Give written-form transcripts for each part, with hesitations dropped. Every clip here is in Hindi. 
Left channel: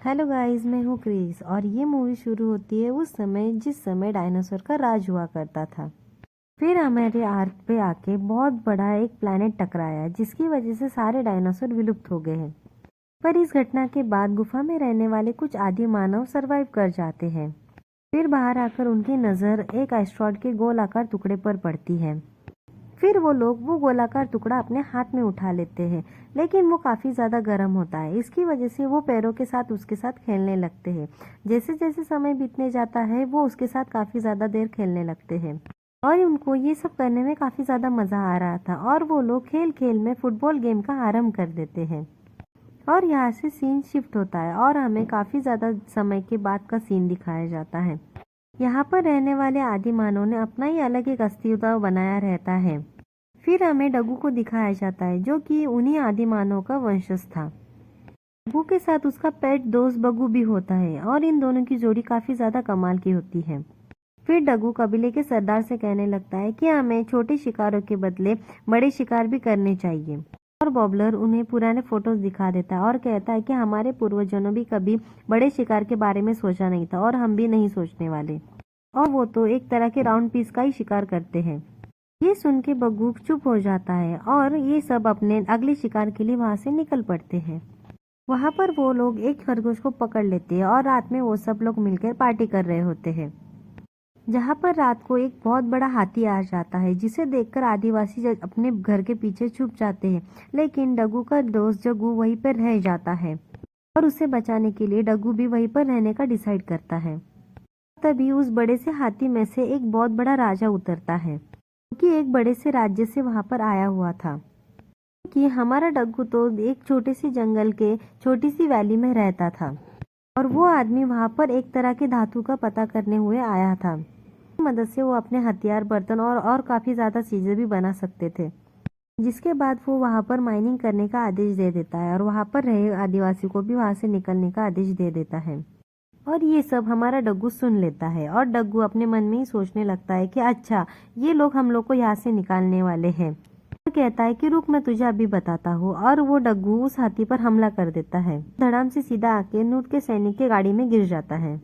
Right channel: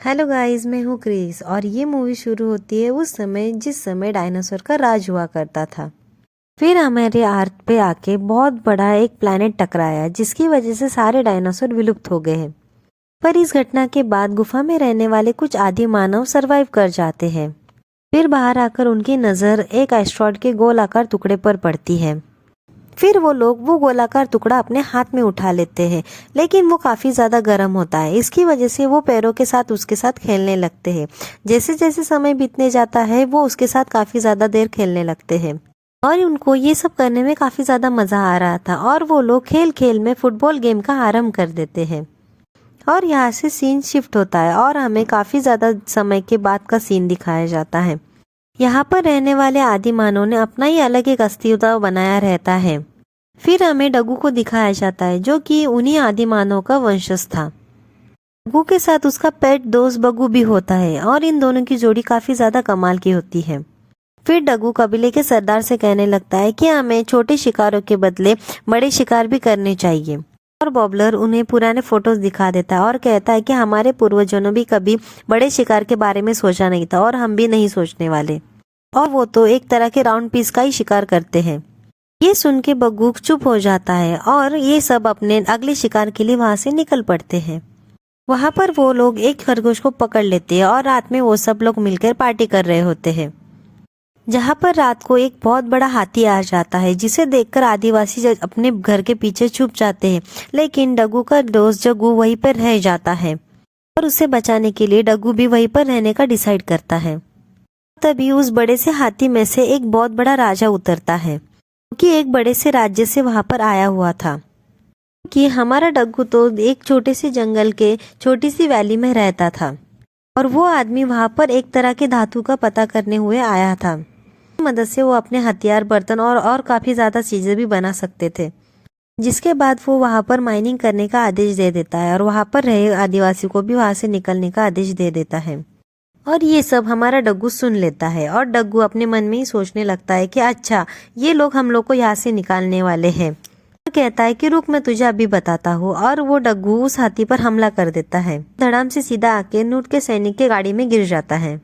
हेलो गाइस, मैं हूँ क्रिस और ये मूवी शुरू होती है उस समय जिस समय डायनासोर का राज हुआ करता था। फिर हमारे अर्थ पे आके बहुत बड़ा एक प्लैनेट टकराया जिसकी वजह से सारे डायनासोर विलुप्त हो गए हैं। पर इस घटना के बाद गुफा में रहने वाले कुछ आदि मानव सरवाइव कर जाते हैं। फिर बाहर आकर उनकी नज़र एक एस्ट्रॉयड के गोलाकार टुकड़े पर पड़ती है। फिर वो लोग वो गोलाकार टुकड़ा अपने हाथ में उठा लेते हैं, लेकिन वो काफ़ी ज़्यादा गर्म होता है। इसकी वजह से वो पैरों के साथ उसके साथ खेलने लगते हैं। जैसे जैसे समय बीतने जाता है वो उसके साथ काफ़ी ज़्यादा देर खेलने लगते हैं और उनको ये सब करने में काफ़ी ज़्यादा मज़ा आ रहा था और वो लोग खेल खेल में फुटबॉल गेम का आरंभ कर देते हैं। और यहाँ से सीन शिफ्ट होता है और हमें काफ़ी ज़्यादा समय के बाद का सीन दिखाया जाता है। यहाँ पर रहने वाले आदि मानव ने अपना ही अलग एक अस्तित्व बनाया रहता है। फिर हमें डग्गू को दिखाया जाता है जो कि उन्हीं आदि मानव का वंशज था। डग्गू के साथ उसका पेट दोस्त बग्गू भी होता है और इन दोनों की जोड़ी काफी ज्यादा कमाल की होती है। फिर डग्गू कबीले के सरदार से कहने लगता है कि हमें छोटे शिकारों के बदले बड़े शिकार भी करने चाहिए। और बॉबलर उन्हें पुराने फोटोज दिखा देता है और कहता है कि हमारे पूर्वजों ने भी कभी बड़े शिकार के बारे में सोचा नहीं था और हम भी नहीं सोचने वाले, और वो तो एक तरह के राउंड पीस का ही शिकार करते हैं। ये सुन के बग्गू चुप हो जाता है और ये सब अपने अगले शिकार के लिए वहां से निकल पड़ते हैं। वहां पर वो लोग एक खरगोश को पकड़ लेते हैं और रात में वो सब लोग मिलकर पार्टी कर रहे होते हैं। जहां पर रात को एक बहुत बड़ा हाथी आ जाता है जिसे देखकर आदिवासी अपने घर के पीछे छुप जाते हैं, लेकिन डग्गू का दोस्त जग्गू वहीं पर रह जाता है और उसे बचाने के लिए डग्गू भी वहीं पर रहने का डिसाइड करता है। तभी उस बड़े से हाथी में से एक बहुत बड़ा राजा उतरता है कि एक बड़े से राज्य से वहां पर आया हुआ था। कि हमारा डग्गू तो एक छोटे से जंगल के छोटी सी वैली में रहता था और वो आदमी वहां पर एक तरह के धातु का पता करने हुए आया था। मदद से वो अपने हथियार, बर्तन और काफी ज्यादा चीजें भी बना सकते थे। जिसके बाद वो वहां पर माइनिंग करने का आदेश दे देता है और वहां पर रहे आदिवासी को भी वहां से निकलने का आदेश दे देता है। और ये सब हमारा डग्गू सुन लेता है और डग्गू अपने मन में ही सोचने लगता है कि अच्छा, ये लोग हम लोग को यहाँ से निकालने वाले हैं। वो कहता है कि रुक, मैं तुझे अभी बताता हूँ, और वो डग्गू उस हाथी पर हमला कर देता है। धड़ाम से सीधा आके नूट के सैनिक के गाड़ी में गिर जाता है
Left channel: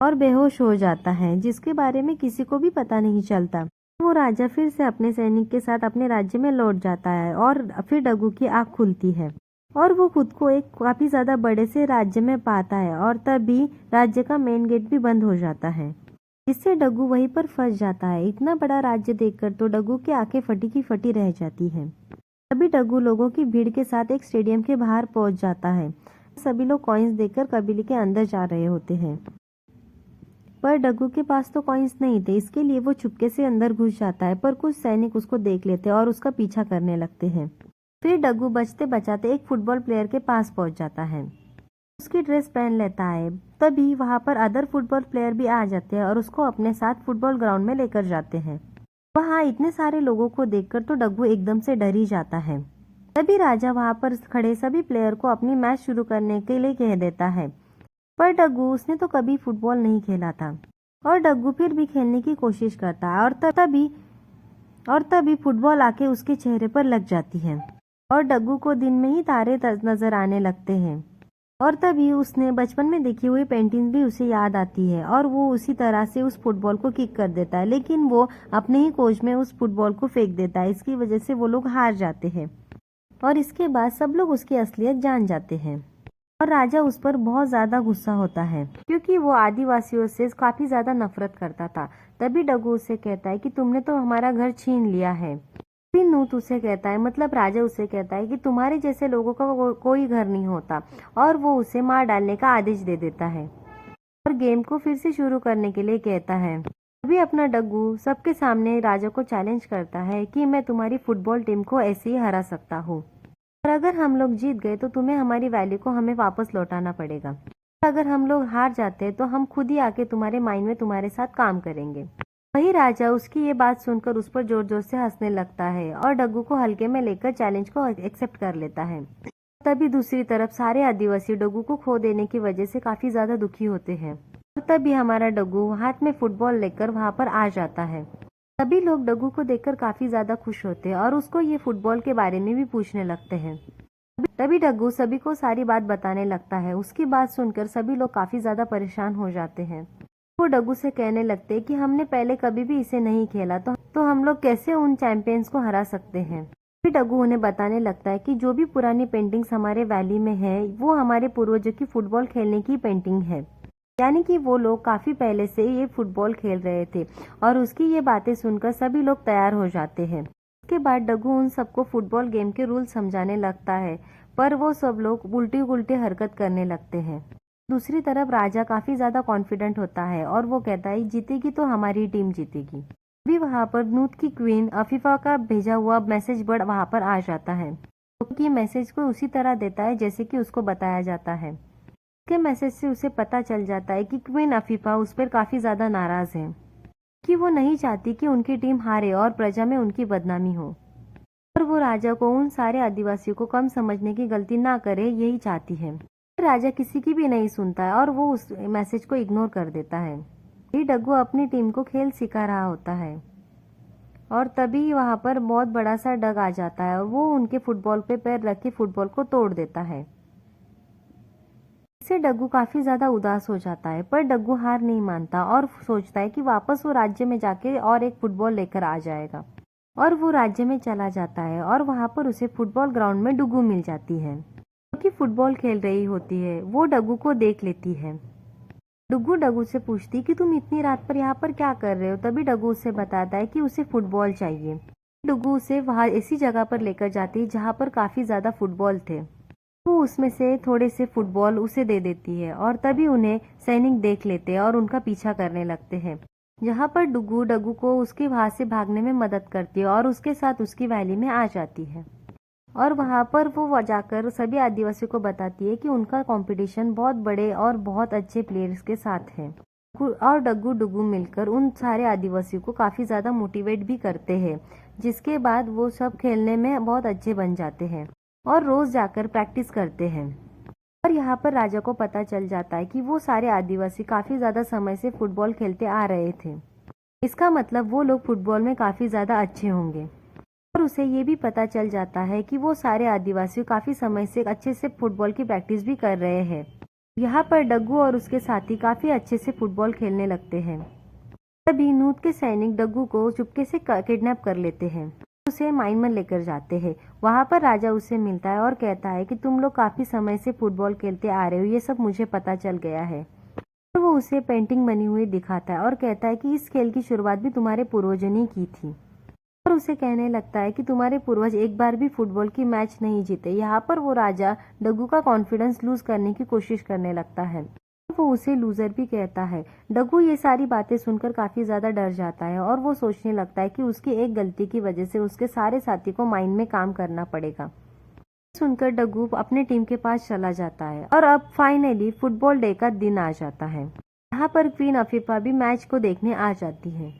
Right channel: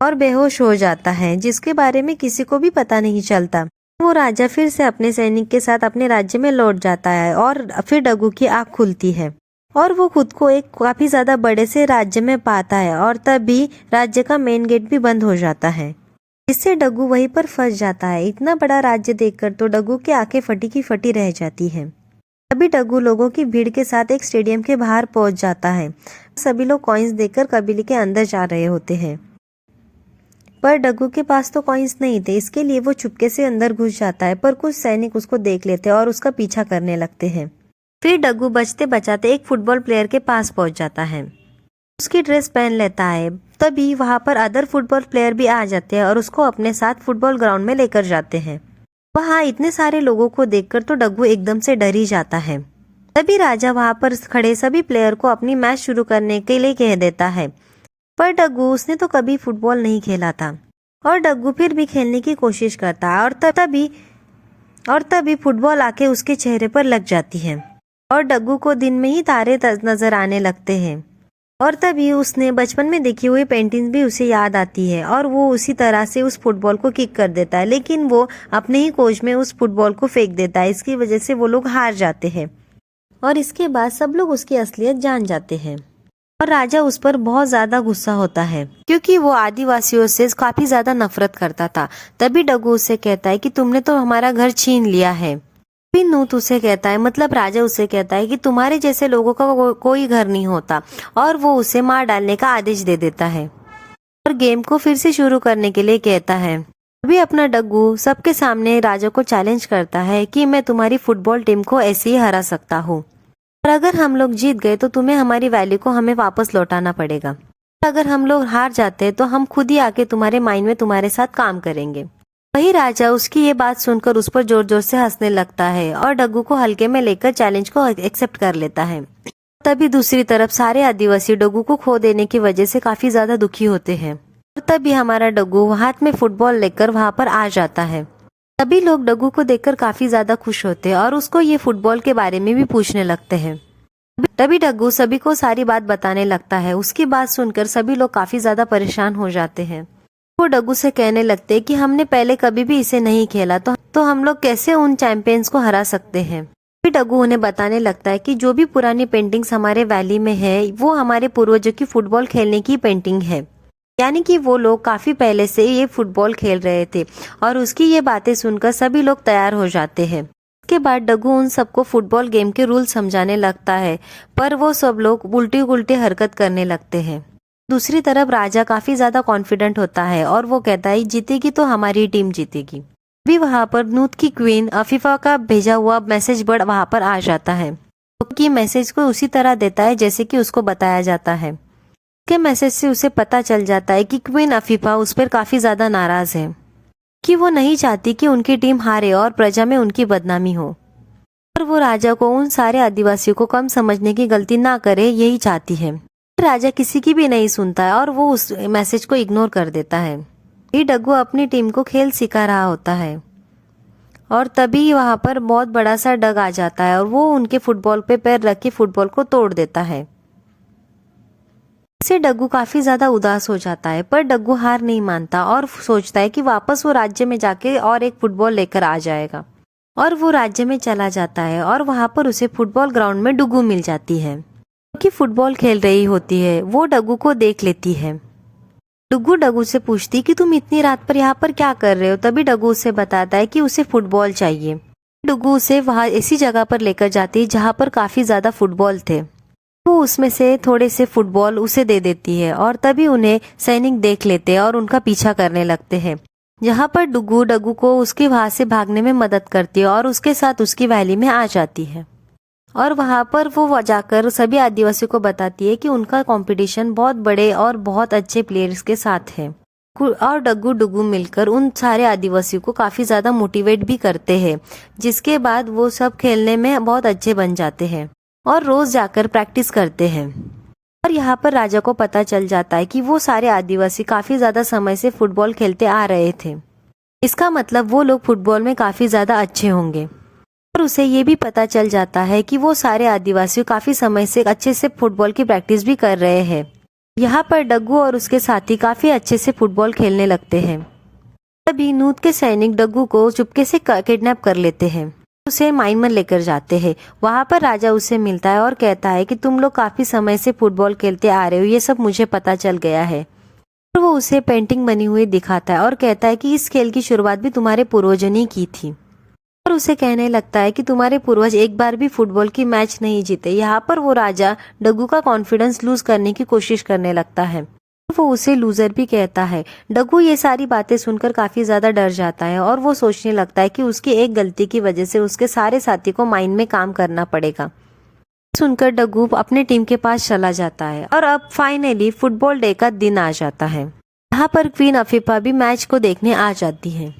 और बेहोश हो जाता है, जिसके बारे में किसी को भी पता नहीं चलता। वो राजा फिर से अपने सैनिक के साथ अपने राज्य में लौट जाता है और फिर डग्गू की आँख खुलती है और वो खुद को एक काफी ज्यादा बड़े से राज्य में पाता है और तभी राज्य का मेन गेट भी बंद हो जाता है, जिससे डग्गू वहीं पर फंस जाता है। इतना बड़ा राज्य देखकर तो डग्गू की आंखें फटी की फटी रह जाती हैं। तभी डग्गू लोगों की भीड़ के साथ एक स्टेडियम के बाहर पहुंच जाता है। सभी लोग कॉइन्स देकर कबीले के अंदर जा रहे होते हैं, पर डग्गू के पास तो कॉइन्स नहीं थे। इसके लिए वो चुपके से अंदर घुस जाता है, पर कुछ सैनिक उसको देख लेते हैं और उसका पीछा करने लगते हैं। फिर डग्गू बचते बचाते एक फुटबॉल प्लेयर के पास पहुंच जाता है, उसकी ड्रेस पहन लेता है। तभी वहां पर अदर फुटबॉल प्लेयर भी आ जाते हैं और उसको अपने साथ फुटबॉल ग्राउंड में लेकर जाते हैं। वहां इतने सारे लोगों को देखकर तो डग्गू एकदम से डर ही जाता है। तभी राजा वहां पर खड़े सभी प्लेयर को अपनी मैच शुरू करने के लिए कह देता है, पर डग्गू, उसने तो कभी फुटबॉल नहीं खेला था और डग्गू फिर भी खेलने की कोशिश करता है और तभी फुटबॉल आके उसके चेहरे पर लग जाती है और डग्गू को दिन में ही तारे नजर आने लगते हैं। और तभी उसने बचपन में देखी हुई पेंटिंग्स भी उसे याद आती है और वो उसी तरह से उस फुटबॉल को किक कर देता है, लेकिन वो अपने ही कोच में उस फुटबॉल को फेंक देता है। इसकी वजह से वो लोग हार जाते हैं और इसके बाद सब लोग उसकी असलियत जान जाते हैं और राजा उस पर बहुत ज्यादा गुस्सा होता है क्योंकि वो आदिवासियों से काफी ज्यादा नफरत करता था। तभी डग्गू उसे कहता है कि तुमने तो हमारा घर छीन लिया है। फिर नूत उसे कहता है, मतलब राजा उसे कहता है कि तुम्हारे जैसे लोगों का कोई घर नहीं होता, और वो उसे मार डालने का आदेश दे देता है और गेम को फिर से शुरू करने के लिए कहता है। अभी अपना डग्गू सबके सामने राजा को चैलेंज करता है कि मैं तुम्हारी फुटबॉल टीम को ऐसे ही हरा सकता हूँ, और अगर हम लोग जीत गए तो तुम्हें हमारी वैली को हमें वापस लौटाना पड़ेगा, और अगर हम लोग हार जाते हैं तो हम खुद ही आके तुम्हारे माइन में तुम्हारे साथ काम करेंगे। वही राजा उसकी ये बात सुनकर उस पर जोर जोर से हंसने लगता है और डग्गू को हल्के में लेकर चैलेंज को एक्सेप्ट कर लेता है। तभी दूसरी तरफ सारे आदिवासी डग्गू को खो देने की वजह से काफी ज्यादा दुखी होते हैं और तभी हमारा डग्गू हाथ में फुटबॉल लेकर वहां पर आ जाता है। सभी लोग डग्गू को देखकर काफी ज्यादा खुश होते हैं और उसको ये फुटबॉल के बारे में भी पूछने लगते हैं। तभी डग्गू सभी को सारी बात बताने लगता है। उसकी बात सुनकर सभी लोग काफी ज्यादा परेशान हो जाते हैं। वो डग्गू से कहने लगते हैं कि हमने पहले कभी भी इसे नहीं खेला, तो हम लोग कैसे उन चैंपियंस को हरा सकते हैं। फिर डग्गू उन्हें बताने लगता है कि जो भी पुरानी पेंटिंग्स हमारे वैली में है वो हमारे पूर्वजों की फुटबॉल खेलने की पेंटिंग है, यानी कि वो लोग काफी पहले से ये फुटबॉल खेल रहे थे। और उसकी ये बातें सुनकर सभी लोग तैयार हो जाते हैं। उसके बाद डग्गू उन सबको फुटबॉल गेम के रूल समझाने लगता है, पर वो सब लोग उल्टी उल्टी हरकत करने लगते हैं। दूसरी तरफ राजा काफी ज्यादा कॉन्फिडेंट होता है और वो कहता है जीतेगी तो हमारी टीम जीतेगी। भी वहां पर नूत की क्वीन अफीफा का भेजा हुआ मैसेज बर्ड वहां पर आ जाता है, क्योंकि मैसेज को उसी तरह देता है जैसे कि उसको बताया जाता है। के मैसेज से उसे पता चल जाता है कि क्वीन अफीफा उस पर काफी ज्यादा नाराज है, कि वो नहीं चाहती कि उनकी टीम हारे और प्रजा में उनकी बदनामी हो, और वो राजा को उन सारे आदिवासियों को कम समझने की गलती ना करे, यही चाहती है। राजा किसी की भी नहीं सुनता है और वो उस मैसेज को इग्नोर कर देता है। ये डग्गू अपनी टीम को खेल सिखा रहा होता है और तभी वहां पर बहुत बड़ा सा डग आ जाता है और वो उनके फुटबॉल पे पैर रख के फुटबॉल को तोड़ देता है। इससे डग्गू काफी ज्यादा उदास हो जाता है, पर डग्गू हार नहीं मानता और सोचता है कि वापस वो राज्य में जाके और एक फुटबॉल लेकर आ जाएगा। और वो राज्य में चला जाता है और वहां पर उसे फुटबॉल ग्राउंड में डुगू मिल जाती है, क्योंकि फुटबॉल खेल रही होती है। वो डग्गू को देख लेती है। डुगू डग्गू से पूछती कि तुम इतनी रात पर यहाँ पर क्या कर रहे हो। तभी डग्गू उसे बताता है कि उसे फुटबॉल चाहिए। डुगू उसे वहां ऐसी जगह पर लेकर जाती है जहाँ पर काफी ज्यादा फुटबॉल थे। वो उसमें से थोड़े से फुटबॉल उसे दे देती है और तभी उन्हें सैनिक देख लेते हैं और उनका पीछा करने लगते हैं, जहाँ पर डुगू डग्गू को उसके वहां से भागने में मदद करती है और उसके साथ उसकी वैली में आ जाती है। और वहां पर वो जाकर सभी आदिवासियों को बताती है कि उनका कंपटीशन बहुत बड़े और बहुत अच्छे प्लेयर्स के साथ है। और डग्गू डुगू मिलकर उन सारे आदिवासियों को काफी ज्यादा मोटिवेट भी करते हैं, जिसके बाद वो सब खेलने में बहुत अच्छे बन जाते हैं और रोज जाकर प्रैक्टिस करते हैं। और यहाँ पर राजा को पता चल जाता है कि वो सारे आदिवासी काफी ज्यादा समय से फुटबॉल खेलते आ रहे थे, इसका मतलब वो लोग फुटबॉल में काफी ज्यादा अच्छे होंगे। और उसे ये भी पता चल जाता है कि वो सारे आदिवासी काफी समय से अच्छे से फुटबॉल की प्रैक्टिस भी कर रहे हैं। यहाँ पर डग्गू और उसके साथी काफी अच्छे से फुटबॉल खेलने लगते हैं। तभी नूत के सैनिक डग्गू को चुपके से किडनैप कर लेते हैं, उसे माइन में लेकर जाते हैं। वहां पर राजा उसे मिलता है और कहता है कि तुम लोग काफी समय से फुटबॉल खेलते आ रहे हो, ये सब मुझे पता चल गया है। और वो उसे पेंटिंग बनी हुई दिखाता है और कहता है कि इस खेल की शुरुआत भी तुम्हारे पूर्वजों ने की थी। और उसे कहने लगता है कि तुम्हारे पूर्वज एक बार भी फुटबॉल की मैच नहीं जीते। यहाँ पर वो राजा डग्गू का कॉन्फिडेंस लूज करने की कोशिश करने लगता है, वो उसे लूजर भी कहता है। डग्गू ये सारी बातें सुनकर काफी ज्यादा डर जाता है और वो सोचने लगता है कि उसकी एक गलती की वजह से उसके सारे साथी को माइन में काम करना पड़ेगा। सुनकर डग्गू अपने टीम के पास चला जाता है और अब फाइनली फुटबॉल डे का दिन आ जाता है। यहाँ पर क्वीन अफीफा भी मैच को देखने आ जाती है।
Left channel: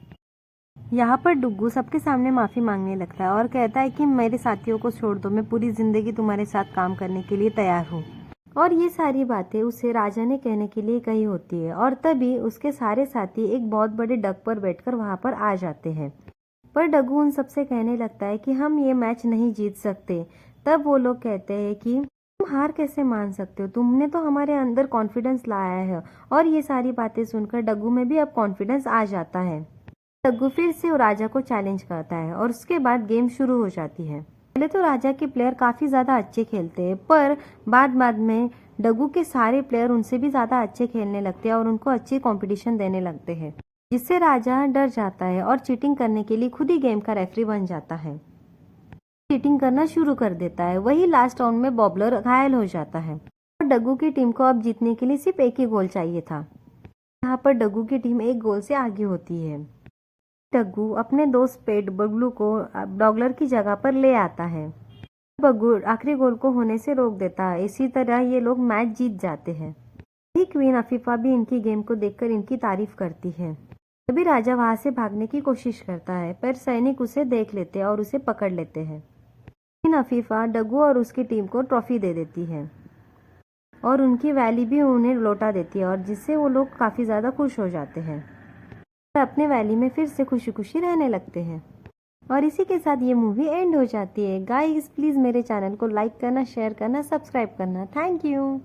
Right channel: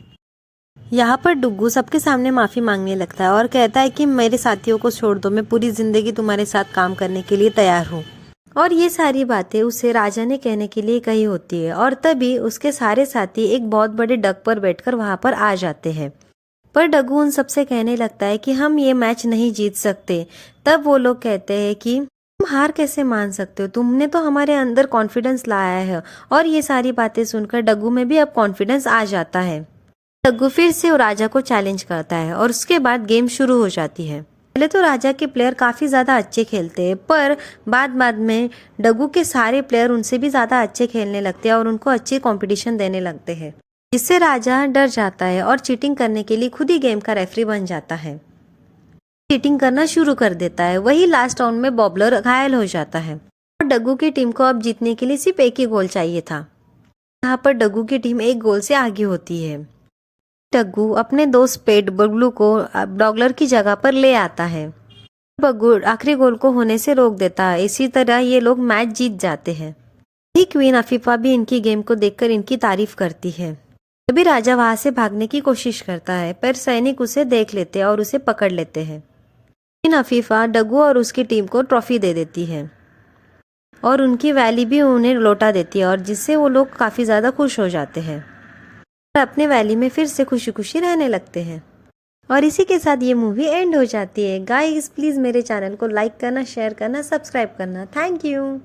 यहाँ पर डुग्गू सबके सामने माफी मांगने लगता है और कहता है कि मेरे साथियों को छोड़ दो, मैं पूरी जिंदगी तुम्हारे साथ काम करने के लिए तैयार हूँ। और ये सारी बातें उसे राजा ने कहने के लिए कही होती है। और तभी उसके सारे साथी एक बहुत बड़े डग पर बैठकर वहां पर आ जाते हैं, पर डग्गू उन सबसे कहने लगता है कि हम ये मैच नहीं जीत सकते। तब वो लोग कहते हैं कि तुम हार कैसे मान सकते हो, तुमने तो हमारे अंदर कॉन्फिडेंस लाया है। और ये सारी बातें सुनकर डग्गू में भी अब कॉन्फिडेंस आ जाता है। डग्गू फिर से राजा को चैलेंज करता है और उसके बाद गेम शुरू हो जाती है। पहले तो राजा के प्लेयर काफी ज्यादा अच्छे खेलते हैं, पर बाद में डग्गू के सारे प्लेयर उनसे भी ज्यादा अच्छे खेलने लगते हैं और उनको अच्छी कंपटीशन देने लगते हैं, जिससे राजा डर जाता है और चीटिंग करने के लिए खुद ही गेम का रेफरी बन जाता है। चीटिंग करना शुरू कर देता है। वही लास्ट राउंड में बॉबलर घायल हो जाता है और डग्गू की टीम को अब जीतने के लिए सिर्फ एक ही गोल चाहिए था। यहाँ पर डग्गू की टीम एक गोल से आगे होती है। डग्गू अपने दोस्त पेट बगलू को डॉगलर की जगह पर ले आता है। बग्गू आखिरी गोल को होने से रोक देता है। इसी तरह ये लोग मैच जीत जाते हैं। ही क्वीन अफीफा भी इनकी गेम को देखकर इनकी तारीफ करती है। तभी राजा वहां से भागने की कोशिश करता है, पर सैनिक उसे देख लेते हैं और उसे पकड़ लेते हैं। क्वीन अफीफा डग्गू और उसकी टीम को ट्रॉफी दे देती है और उनकी वैली भी उन्हें लौटा देती है, और जिससे वो लोग काफी ज्यादा खुश हो जाते हैं और अपने वैली में फिर से खुशी खुशी रहने लगते हैं। और इसी के साथ ये मूवी एंड हो जाती है। गाइस प्लीज़ मेरे चैनल को लाइक करना, शेयर करना, सब्सक्राइब करना। Thank you.